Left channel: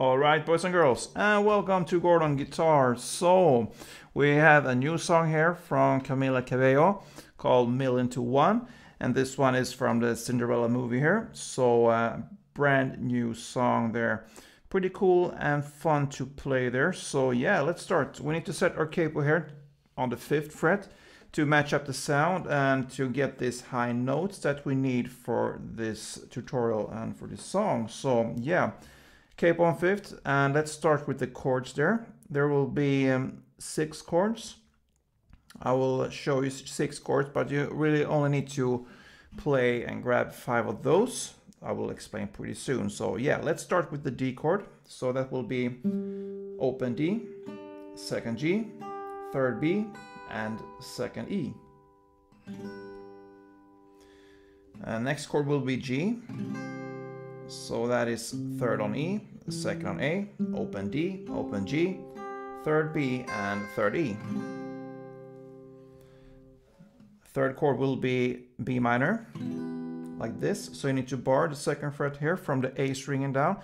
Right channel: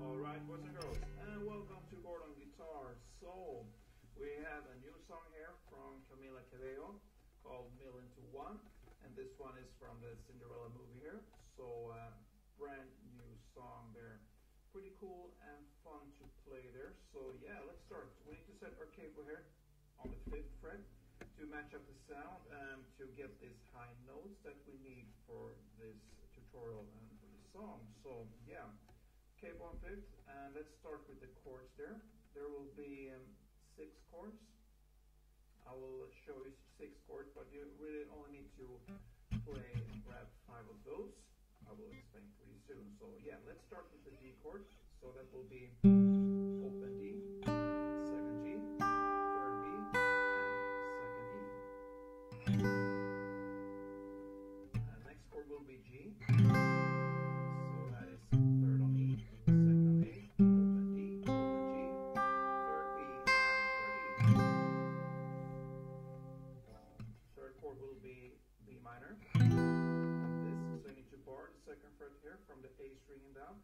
Alright, boys and girls, and welcome to Chord on Guitar. So, we have a new song here from Camila Cabello called Million to One, and this one is from the Cinderella movie here. So, brand new song there. Pretty cool and fun to play there. So, yeah, let's start. We need to set our capo here on the 5th fret to match up the sound and to get these high notes that we need for this tutorial and for this song. So, yeah. Capo on 5th, and let's start with the chords there. There will be 6 chords. I will show you 6 chords, but you really only need to play and grab 5 of those. I will explain pretty soon. So yeah, let's start with the D chord. So that will be open D, 2nd G, 3rd B, and 2nd E. Next chord will be G. So that is 3rd on E, 2nd on A, open D, open G, 3rd B, and 3rd E. 3rd chord will be B minor, like this. So you need to bar the 2nd fret here from the A string and down.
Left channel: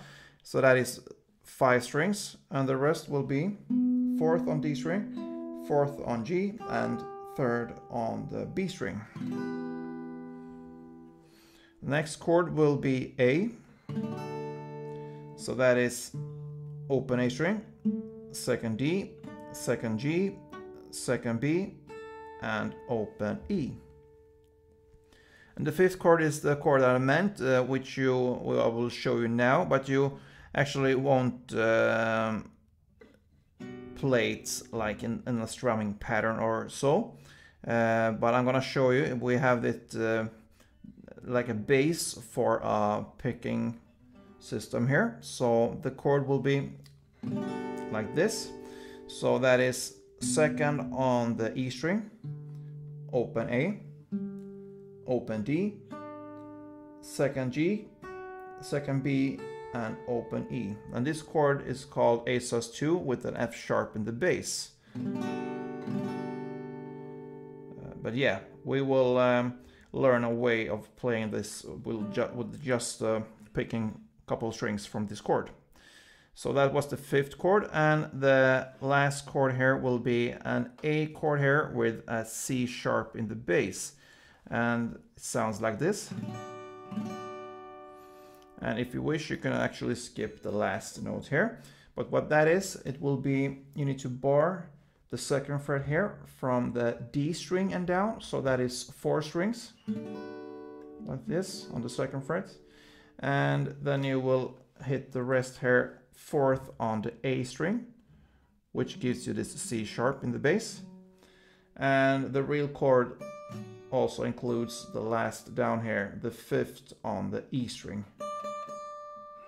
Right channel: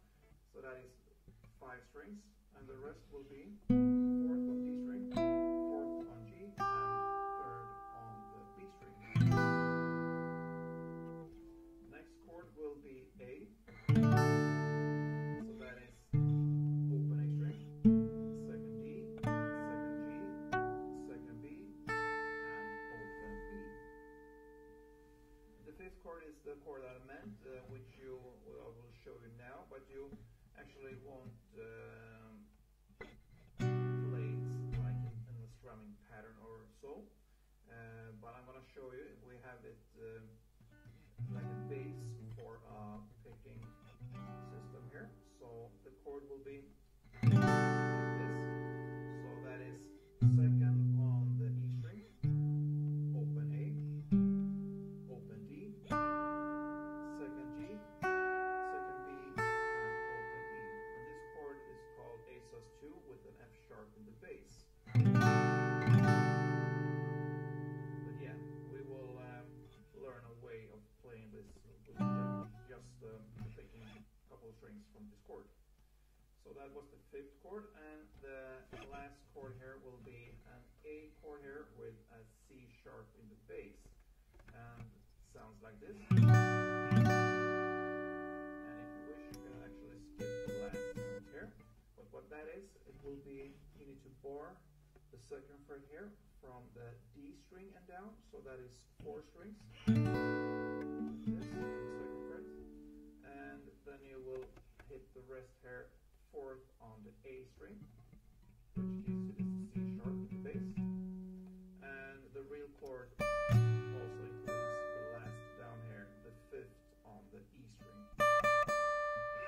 So that is 5 strings, and the rest will be 4th on D string, 4th on G, and 3rd on the B string. Next chord will be A. So that is open A string, 2nd D, 2nd G, 2nd B, and open E. And the 5th chord is the chord that I meant, which I will show you now, but you actually won't play it like in a strumming pattern or so. But I'm gonna show you. We have it like a base for a picking system here. So the chord will be like this. So that is 2nd on the E string, open A, open D, 2nd G, 2nd B, and open E. And this chord is called A sus2 with an F sharp in the bass. But yeah, we will learn a way of playing this with just picking a couple of strings from this chord. So that was the 5th chord, and the last chord here will be an A chord here with a C sharp in the bass, and it sounds like this. And if you wish, you can actually skip the last note here, but what that is, it will be, you need to bar the 2nd fret here from the D string and down. So that is 4 strings like this on the 2nd fret, and then you will hit the rest here 4th on the A string, which gives you this C sharp in the bass. And the real chord also includes the last down here, the 5th on the E string.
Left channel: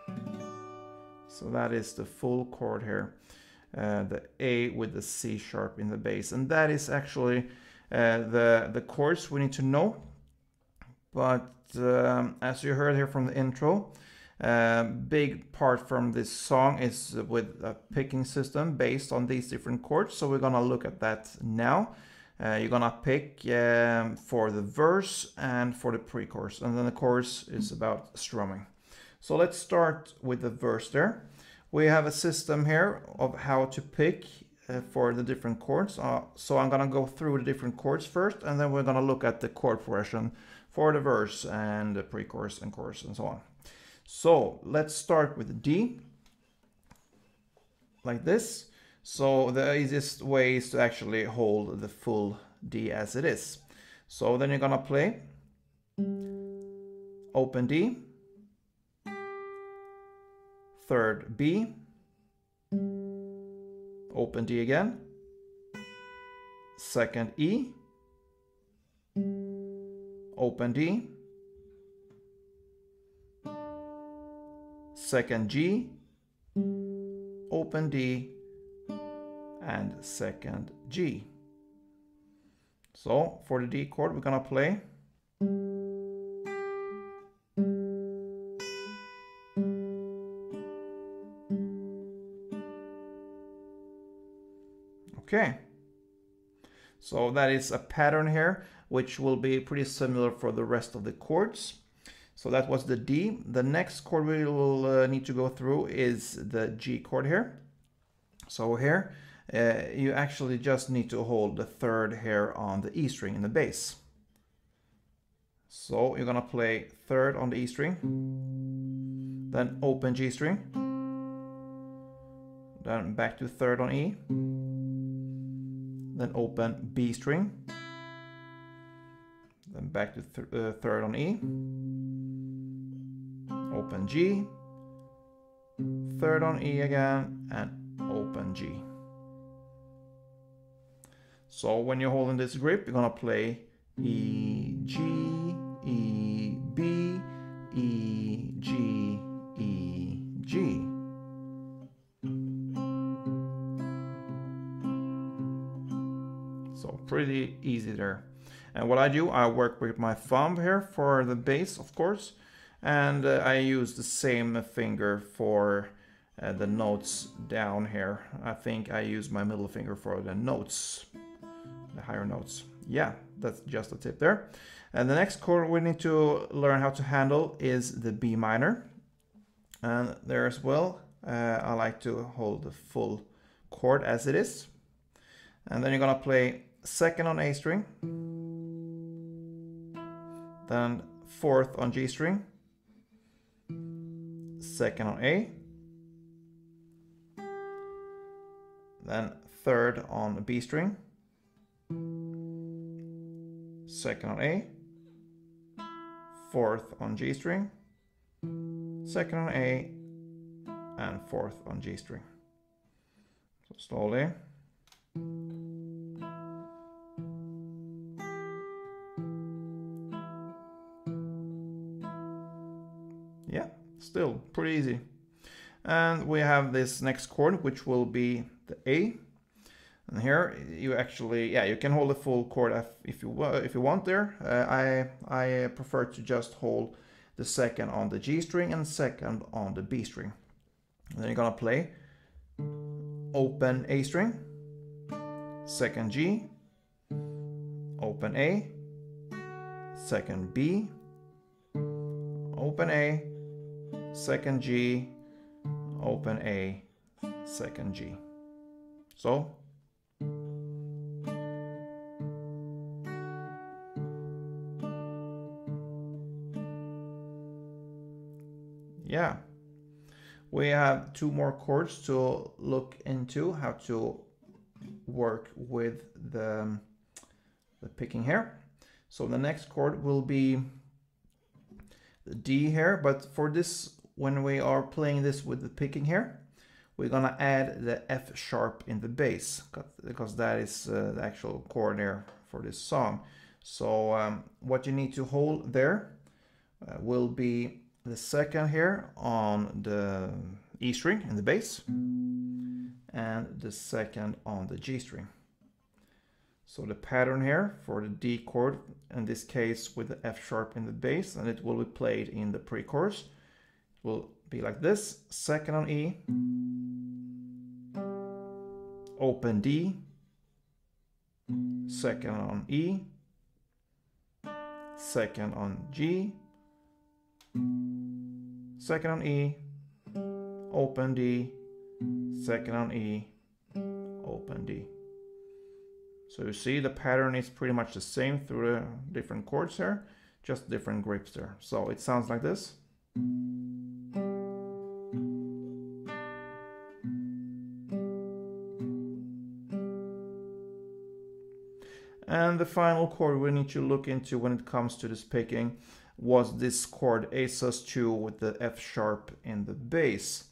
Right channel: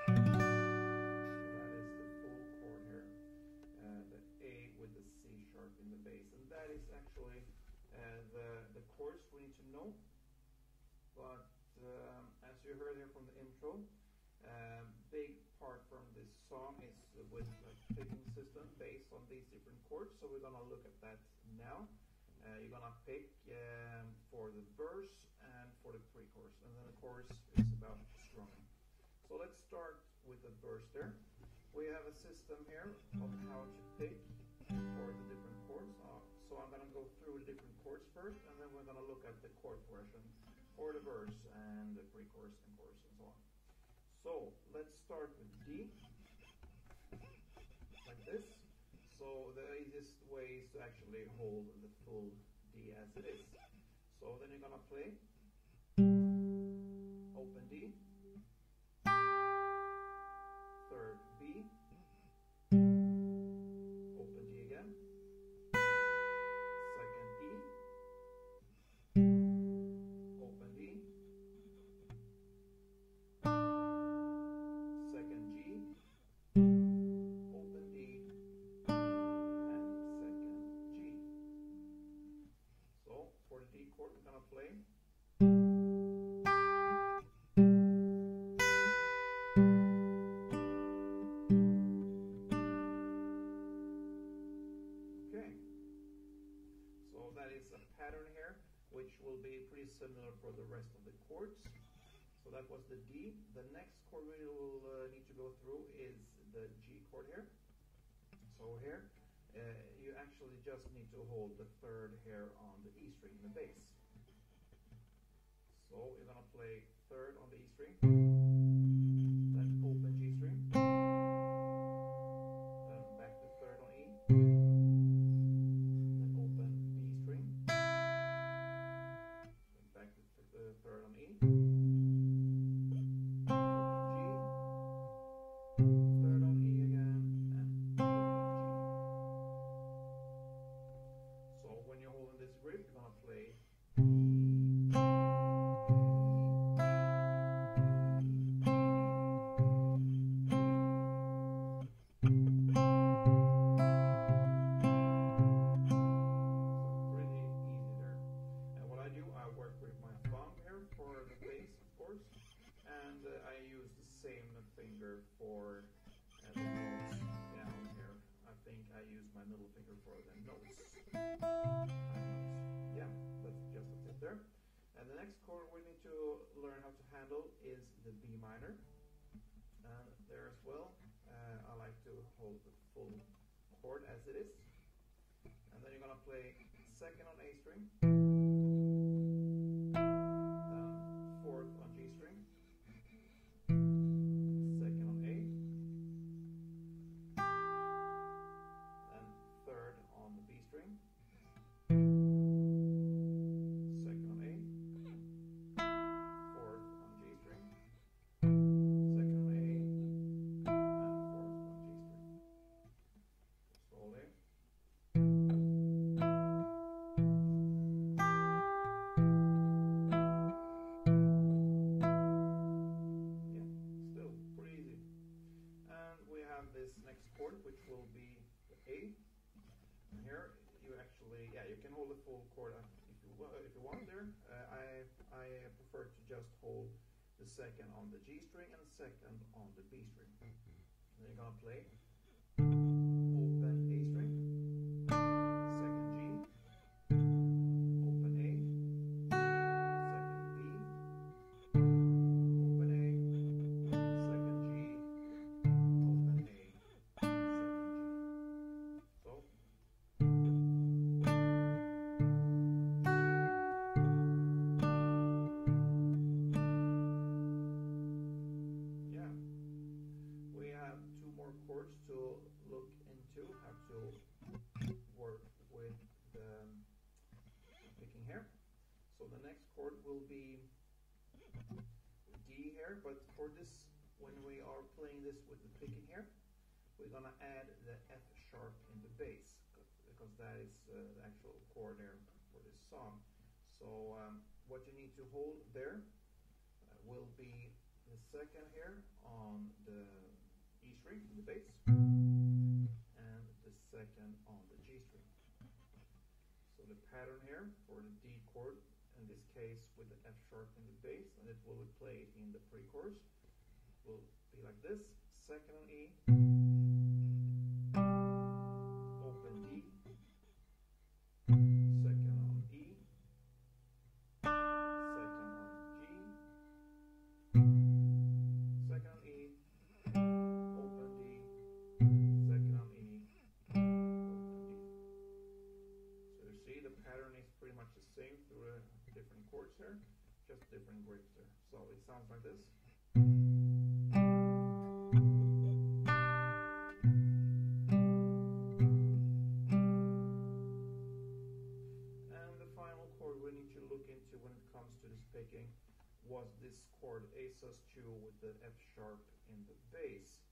So that is the full chord here. The A with the C sharp in the bass, and that is actually the chords we need to know. But as you heard here from the intro, big part from this song is with a picking system based on these different chords. So we're gonna look at that now. You're gonna pick for the verse and for the pre-chorus, and then the chorus is about strumming. So let's start with the verse there. We have a system here of how to pick for the different chords. So I'm gonna go through the different chords first, and then we're gonna look at the chord progression for the verse and the pre-chorus and chorus and so on. So let's start with D, like this. So the easiest way is to actually hold the full D as it is. So then you're gonna play open D, 3rd B, open D again, 2nd E, open D, 2nd G, open D, and 2nd G. So for the D chord, we're gonna play okay. So that is a pattern here, which will be pretty similar for the rest of the chords. So that was the D. The next chord we will need to go through is the G chord here. So here you actually just need to hold the third here on the E string in the bass. So you're gonna play third on the E string, then open G string, then back to third on E, then open B string, then back to third on E, open G, third on E again, and open G. So when you're holding this grip, you're gonna play E, G, E, B, E, G, E, G. So pretty easy there. And what I do, I work with my thumb here for the bass, of course, and I use the same finger for the notes down here. I think I use my middle finger for the notes, the higher notes. Yeah, that's just a tip there. And the next chord we need to learn how to handle is the B minor. And there as well, I like to hold the full chord as it is. And then you're gonna play second on A string, then fourth on G string, second on A, then third on B string, second on A, fourth on G string, second on A, and fourth on G string. So slowly. Yeah, still pretty easy. And we have this next chord, which will be the A. And here you actually, yeah, you can hold the full chord if you want there. I prefer to just hold the second on the G string and second on the B string. And then you're gonna play open A string, second G, open A, second B, open A, second G, open A, second G. So yeah, we have two more chords to look into how to work with the picking here. So the next chord will be the D here, but for this, when we are playing this with the picking here, we're gonna add the F sharp in the bass, because that is the actual chord there for this song. So what you need to hold there will be the second here on the E string in the bass, and the second on the G string. So the pattern here for the D chord, in this case with the F sharp in the bass, and it will be played in the pre-chorus, will be like this: second on E, open D, second on E, second on G, second on E, open D, second on E, open D. So you see the pattern is pretty much the same through the different chords here, just different grips there. So it sounds like this. And the final chord we need to look into when it comes to this picking was this chord A sus2 with the F sharp in the bass,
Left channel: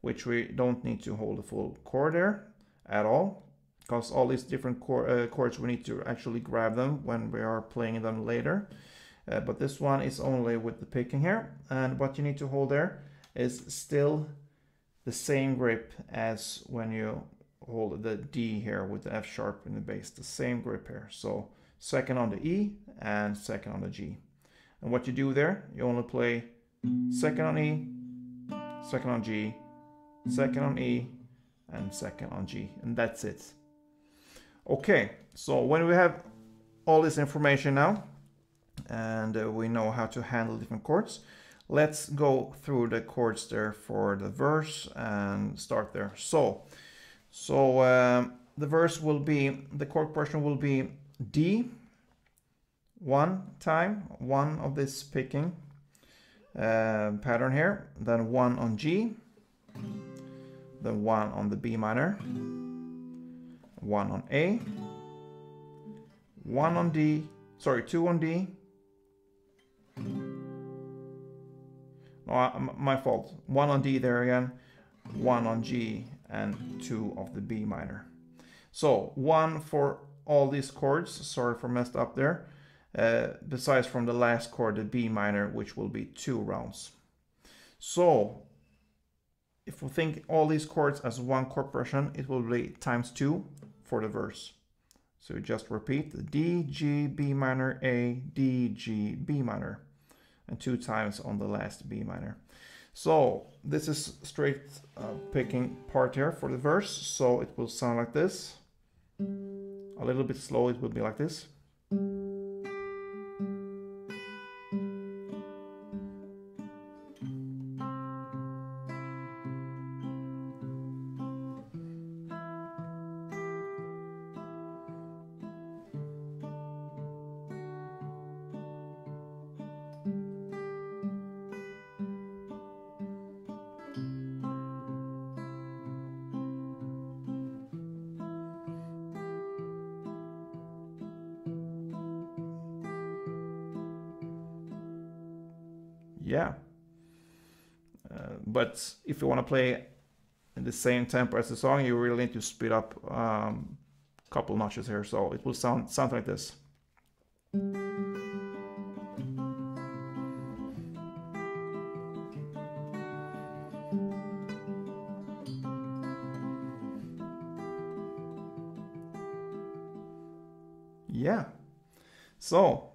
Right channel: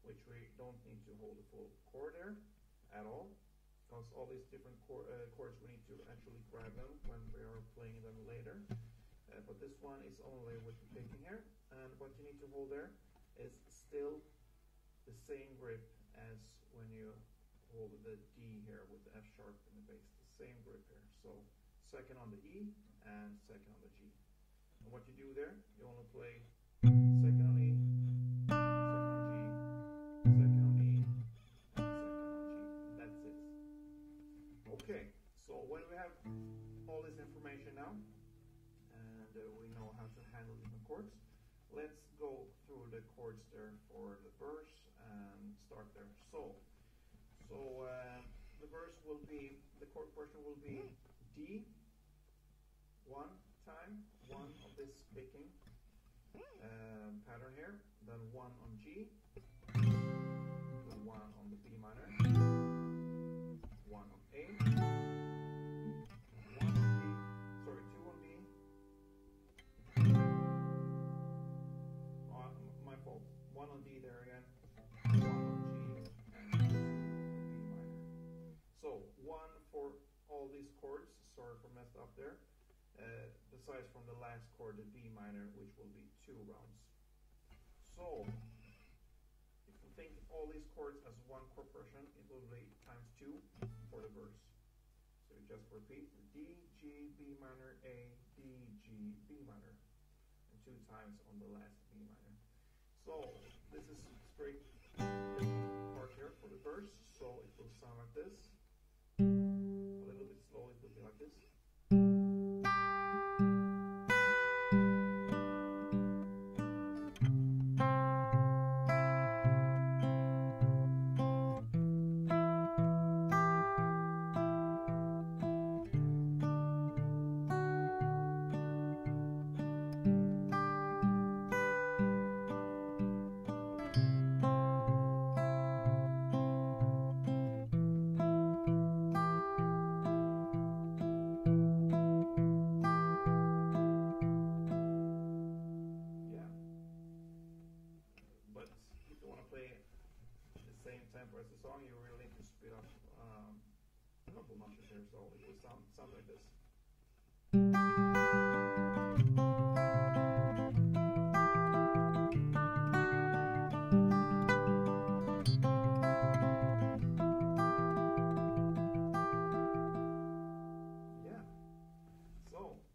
which we don't need to hold the full chord there at all, because all these different chords we need to actually grab them when we are playing them later. But this one is only with the picking here, and what you need to hold there is still the same grip as when you hold the D here with the F sharp in the bass, the same grip here. So second on the E and second on the G. And what you do there, you only play second on E, second on G, second on E, and second on G, and that's it. Okay, so when we have all this information now, and we know how to handle different chords. Let's go through the chords there for the verse and start there. So the verse will be, the chord progression will be D one time, one of this picking pattern here, then one on G, then one on the B minor, one on A, one on D, sorry, two on D. Oh, my fault. One on D there again, one on G, and two of the B minor. So one for all these chords. Sorry for messed up there. Besides from the last chord, the B minor, which will be 2 rounds. So if we think all these chords as one chord progression, it will be ×2 for the verse. So we just repeat the D, G, B minor, A, D, G, B minor, and 2 times on the last B minor. So this is straight picking part here for the verse. So it will sound like this. A little bit slow, it will be like this. Yeah, but if you want to play in the same tempo as the song, you really need to speed up a couple notches here, so it will sound like this. Yeah, so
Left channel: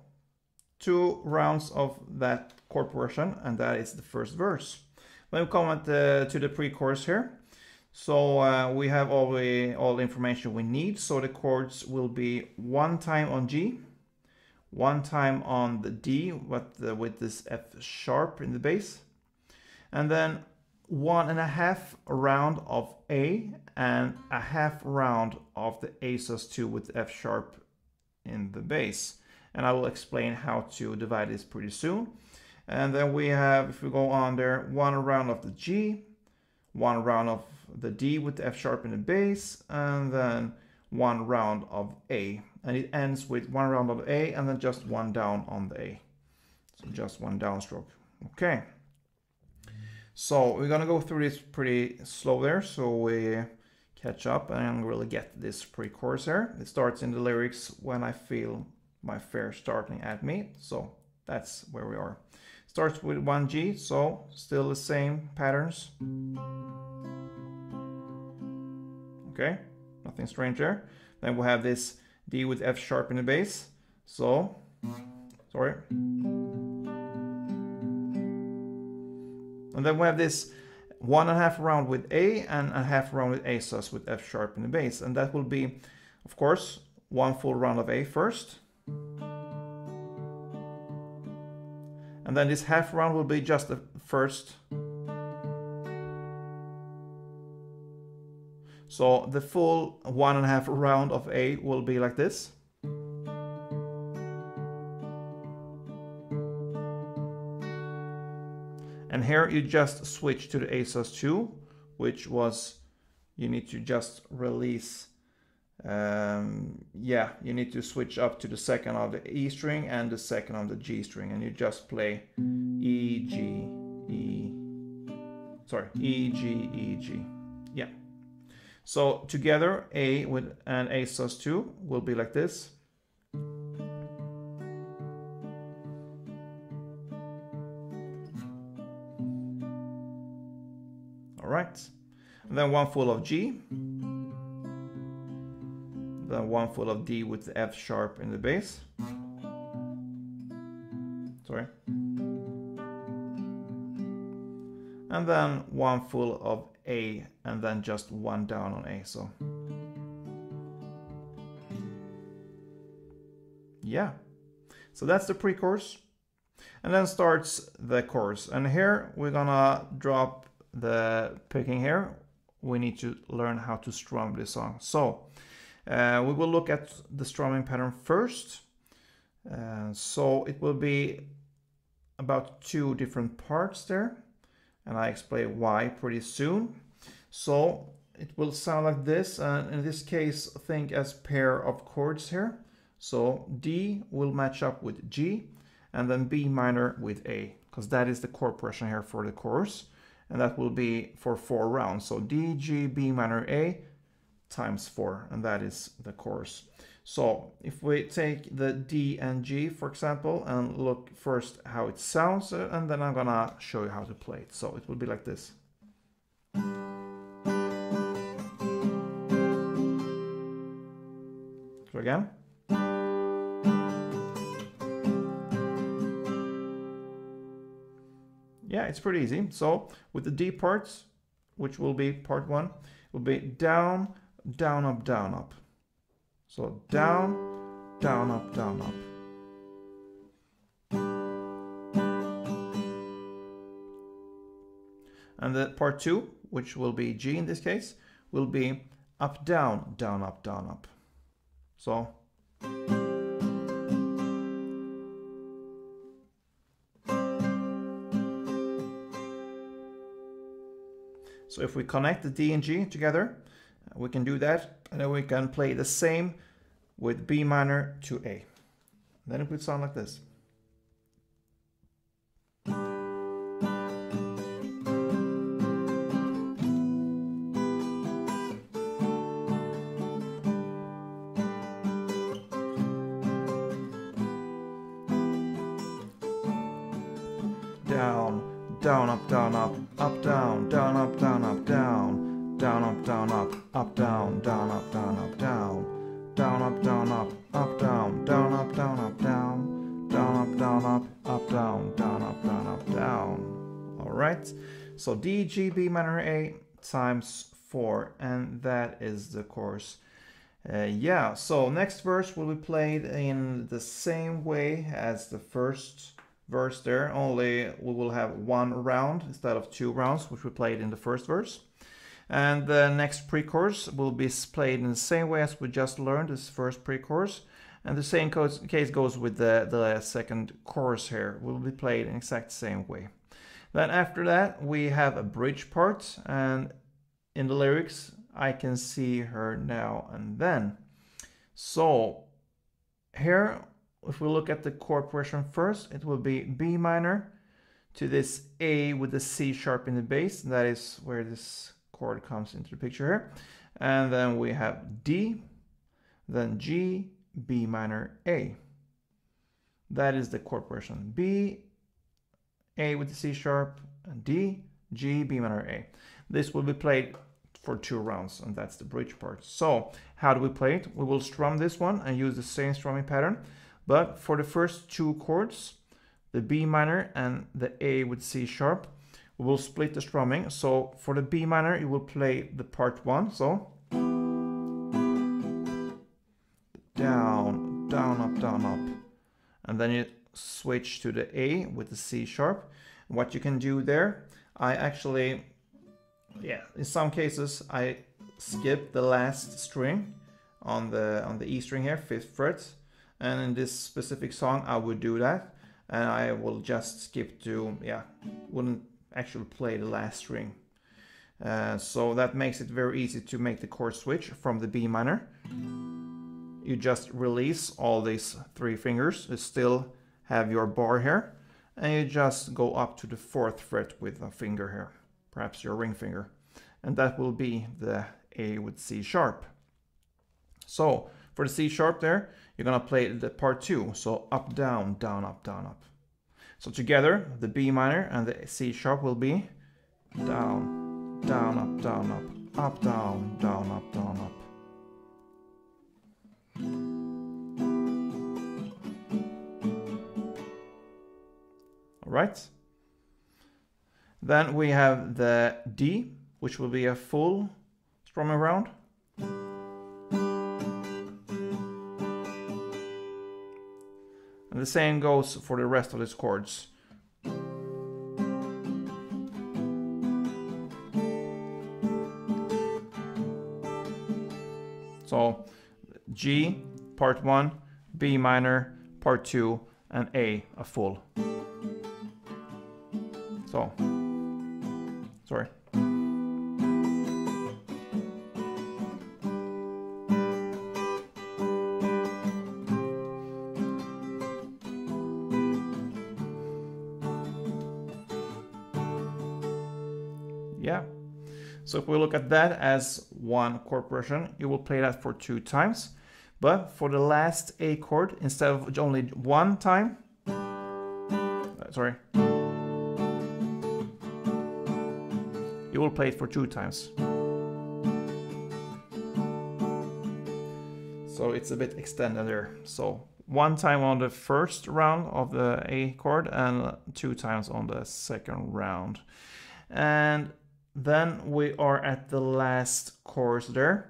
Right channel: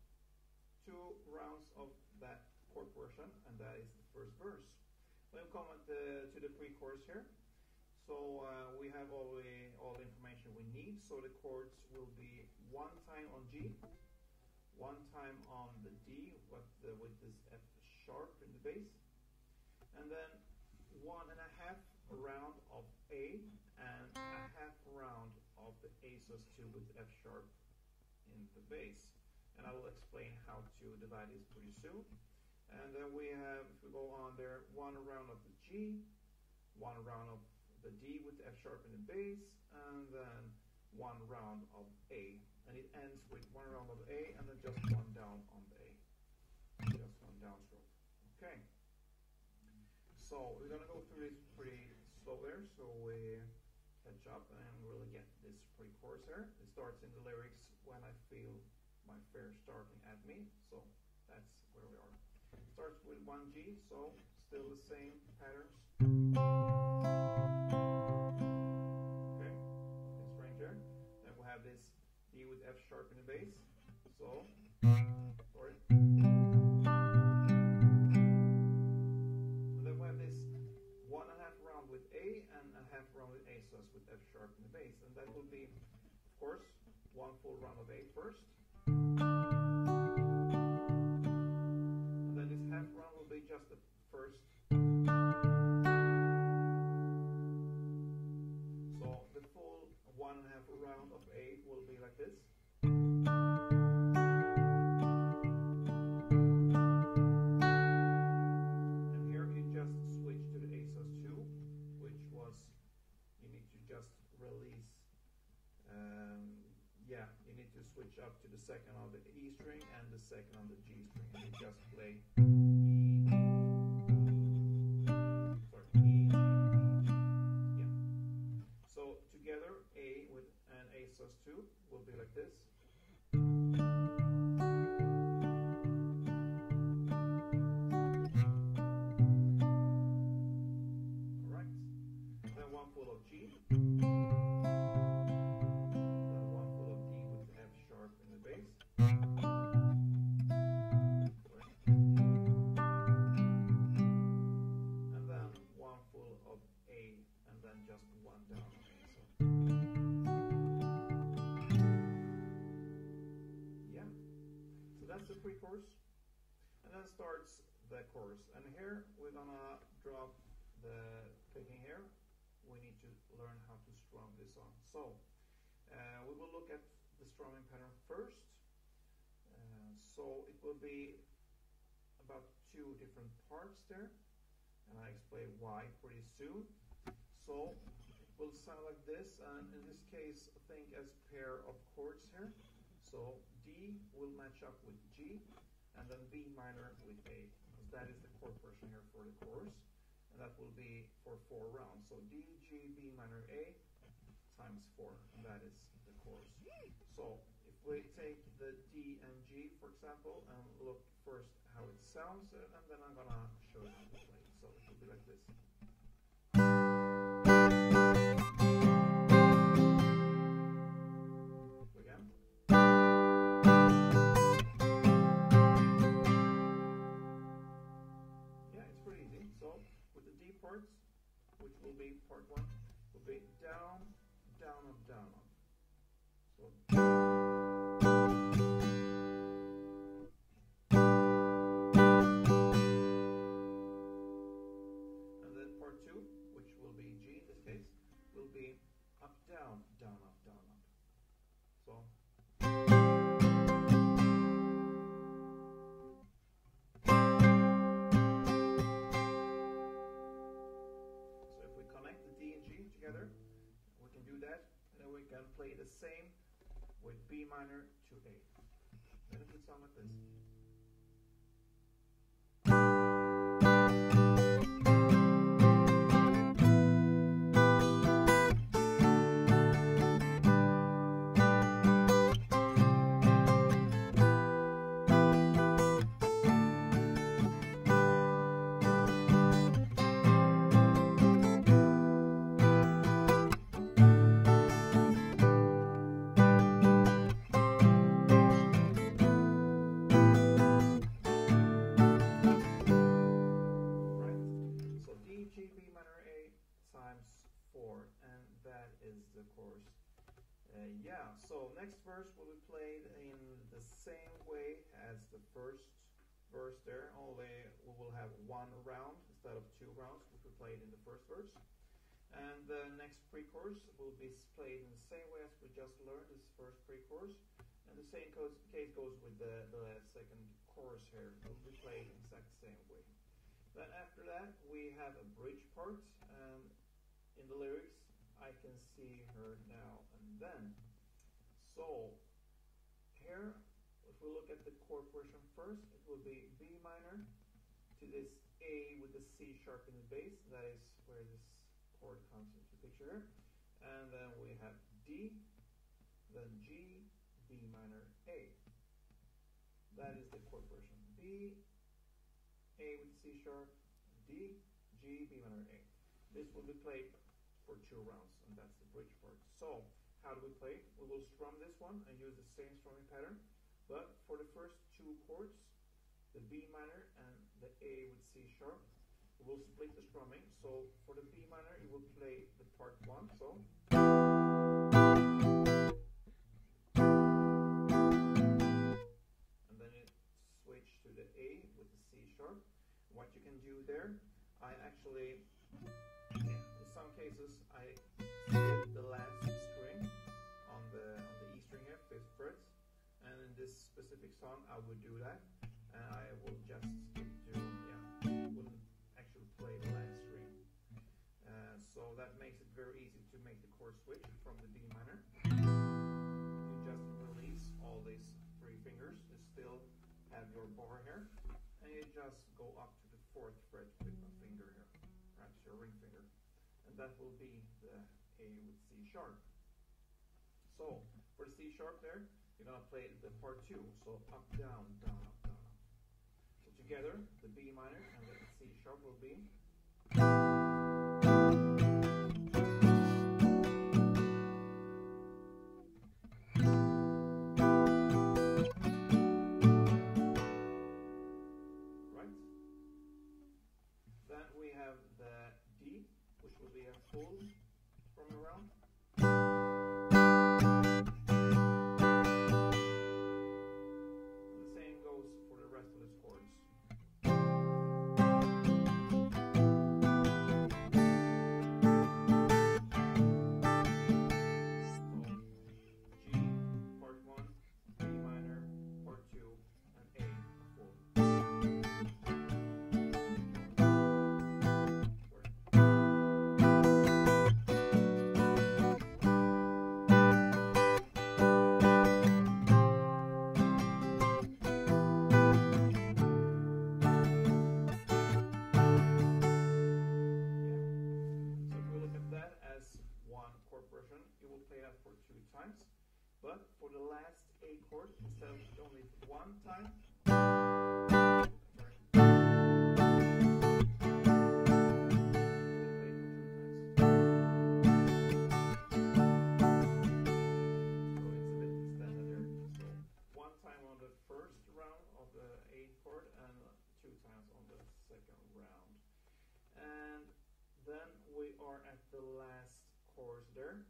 2 rounds of that chord progression, and that is the first verse. Then we come to the pre-chorus here. So we have all the information we need. So the chords will be 1 time on G, 1 time on the D with this F sharp in the bass, and then 1.5 round of A and a half round of the A sus2 with F sharp in the bass. And I will explain how to divide this pretty soon. And then we have, if we go on there, 1 round of the G, 1 round of the D with the F sharp in the bass, and then 1 round of A. And it ends with 1 round of A and then just 1 down on the A. So just 1 downstroke. Okay. So we're gonna go through this pretty slow there, so we catch up and really get this pre-chorus here. It starts in the lyrics when I feel my fear starting at me. So that's where we are. Starts with 1 G, so still the same patterns. Okay, nothing strange there. Then we have this D with F sharp in the bass. So, sorry. And then we have this 1.5 round with A and a half round with A sus with F sharp in the bass. And that will be, of course, 1 full round of A first. And then this half round will be just the first. So the full 1.5 round of A will be like this. And here you just switch to the A sus2, which was, you need to just release. Yeah, you need to switch up to the second of the E string and the second of the G string, and you just play E, G, E, sorry, E, G, E, G. Yeah. So together, A with an A sus2 will be like this. All right. And then 1 full of G. Then 1 full of D with the F sharp in the bass. Sorry. And then 1 full of A and then just 1 down on A. So yeah, So that's the pre-chorus. And then starts the chorus. And here we're gonna drop the picking here. We need to learn how to strum this song. So we will look at the strumming pattern first. So it will be about 2 different parts there. And I explain why pretty soon. So it will sound like this. And in this case, think as pair of chords here. So D will match up with G, and then B minor with A, because that is the chord progression here for the chorus. And that will be for 4 rounds. So D, G, B minor, A times 4, and that is the chorus. So if we take the D and G, for example, and look first how it sounds, and then I'm gonna show you how to play it. So it will be like this. So again. Yeah, it's pretty easy. So with the D parts, which will be part 1, will be down, down, up, down, up. So down, down, up, down, up. And the part 2, which will be G in this case, will be up, down, down, up, down, up. So if we connect the D and G together, we can do that, and then we can play the same with B minor to A. Then it would sound like this. Down, down, up, down, up, up, down, down, up, down, up, down, down, up, down, up, up, down, down, up, down, up, down, down, up, down, up, up, down, down, up, down, up, down, down, up, down, up, up, down, down, up, down, up, down. All right. So D, G, B minor, A times 4, and that is the chorus. Yeah. So next verse will be played in the same way as the first verse there, only we will have 1 round instead of 2 rounds, which we played in the first verse. And the next pre-chorus will be played in the same way as we just learned this first pre-chorus. And the same case goes with the second chorus here. Will be played in exact same way. Then after that we have a bridge part, and in the lyrics I can see her now and then. So here, if we look at the chord progression first, it will be B minor to this A with the C sharp in the bass. That is where this chord comes into the picture here. And then we have D, then G, B minor, A. That is the chord progression. B, A with the C sharp, and D, G, B minor, A. This will be played for 2 rounds, and that's the bridge part. So how do we play it? We will strum this one and use the same strumming pattern. But for the first 2 chords, the B minor and the A with C sharp, we will split the strumming. So for the B minor, you will play the part 1. So down, down, up, down, up. And then you switch to the A with the C sharp. What you can do there, I actually, in some cases, I skip the last string on the E string here, 5th fret. And in this specific song, I would do that. And I will just skip to, wouldn't actually play the last string. So that makes it very easy to make the chord switch from the B minor. You just release all these 3 fingers. You still have your bar here. And you just go up to the 4th fret with a finger here, perhaps your ring finger. And that will be the A with C sharp. So for the C sharp there, you're gonna play the part 2. So up, down, down, up, down, up. So together, the B minor and the C sharp will be down, down, up, down, up, up, down, down, up, down, up. All right. Then we have the D, which will be a full strumming round. And And the same goes for the rest of these chords. So G, part 1, B minor, part 2, and A full. So, sorry. Yeah. So if we look at that as one chord progression, you will play that for 2 times. But for the last A chord, instead of only 1 time, sorry, you will play it for 2 times. So it's a bit extended there. So 1 time on the first round of the A chord and 2 times on the second round. And then we are at the last chorus there.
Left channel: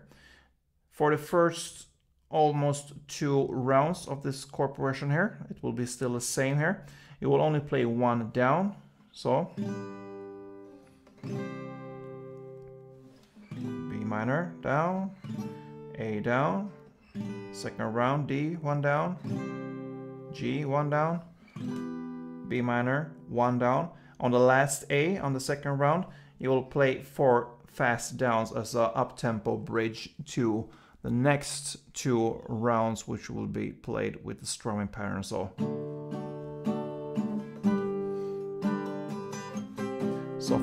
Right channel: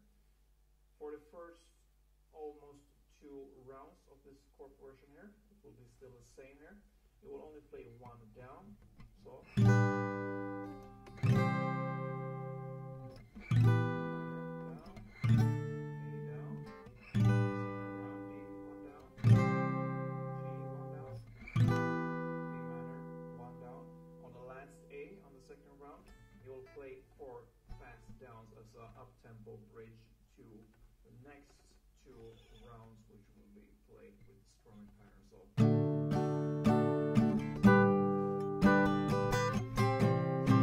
For the first almost 2 rounds of this chord progression here, it will be still the same here. You will only play 1 down. So B minor down, A down, second round D 1 down, G 1 down, B minor 1 down. On the last A on the second round, you will play 4 fast downs as a up-tempo bridge to the next 2 rounds, which will be played with the strumming pattern. So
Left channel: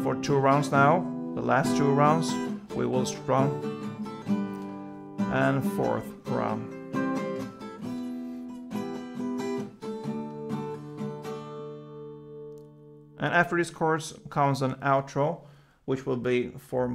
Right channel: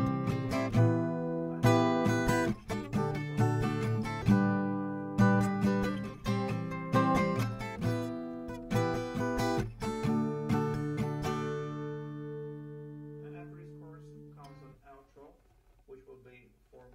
for 2 rounds now, the last 2 rounds, we will strum, and 4th round. And after this chorus comes an outro, which will be for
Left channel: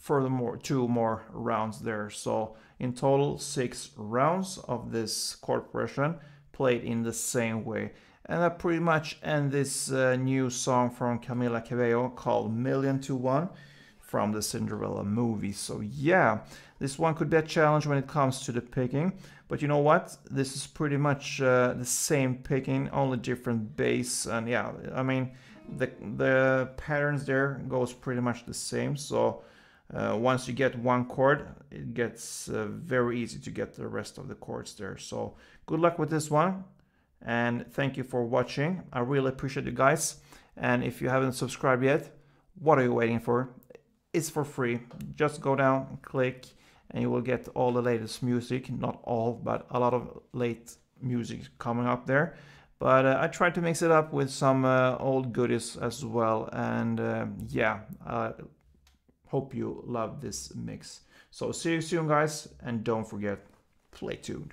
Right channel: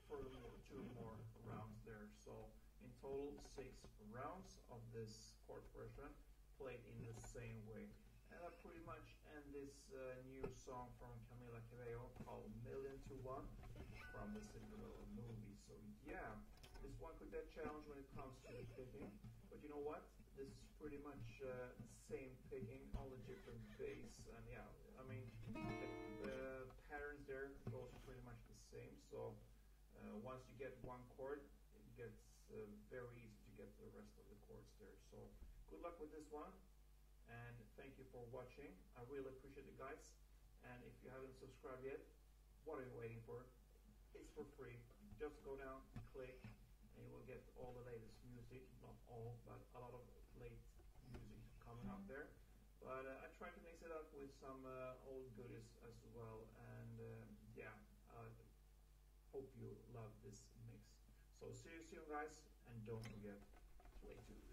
furthermore 2 more rounds there. So in total 6 rounds of this chord progression played in the same way. And that pretty much ends this new song from Camila Cabello called Million to One from the Cinderella movie. So yeah, this one could be a challenge when it comes to the picking. But you know what? This is pretty much the same picking, only different bass. And yeah, I mean, the patterns there goes pretty much the same. So once you get one chord, it gets very easy to get the rest of the chords there. So good luck with this one, and thank you for watching. I really appreciate you guys. And if you haven't subscribed yet, what are you waiting for? It's for free. Just go down, click, and you will get all the latest music. Not all, but a lot of late music coming up there. But I tried to mix it up with some old goodies as well. And yeah, hope you love this mix. So see you soon, guys, and don't forget, play tuned.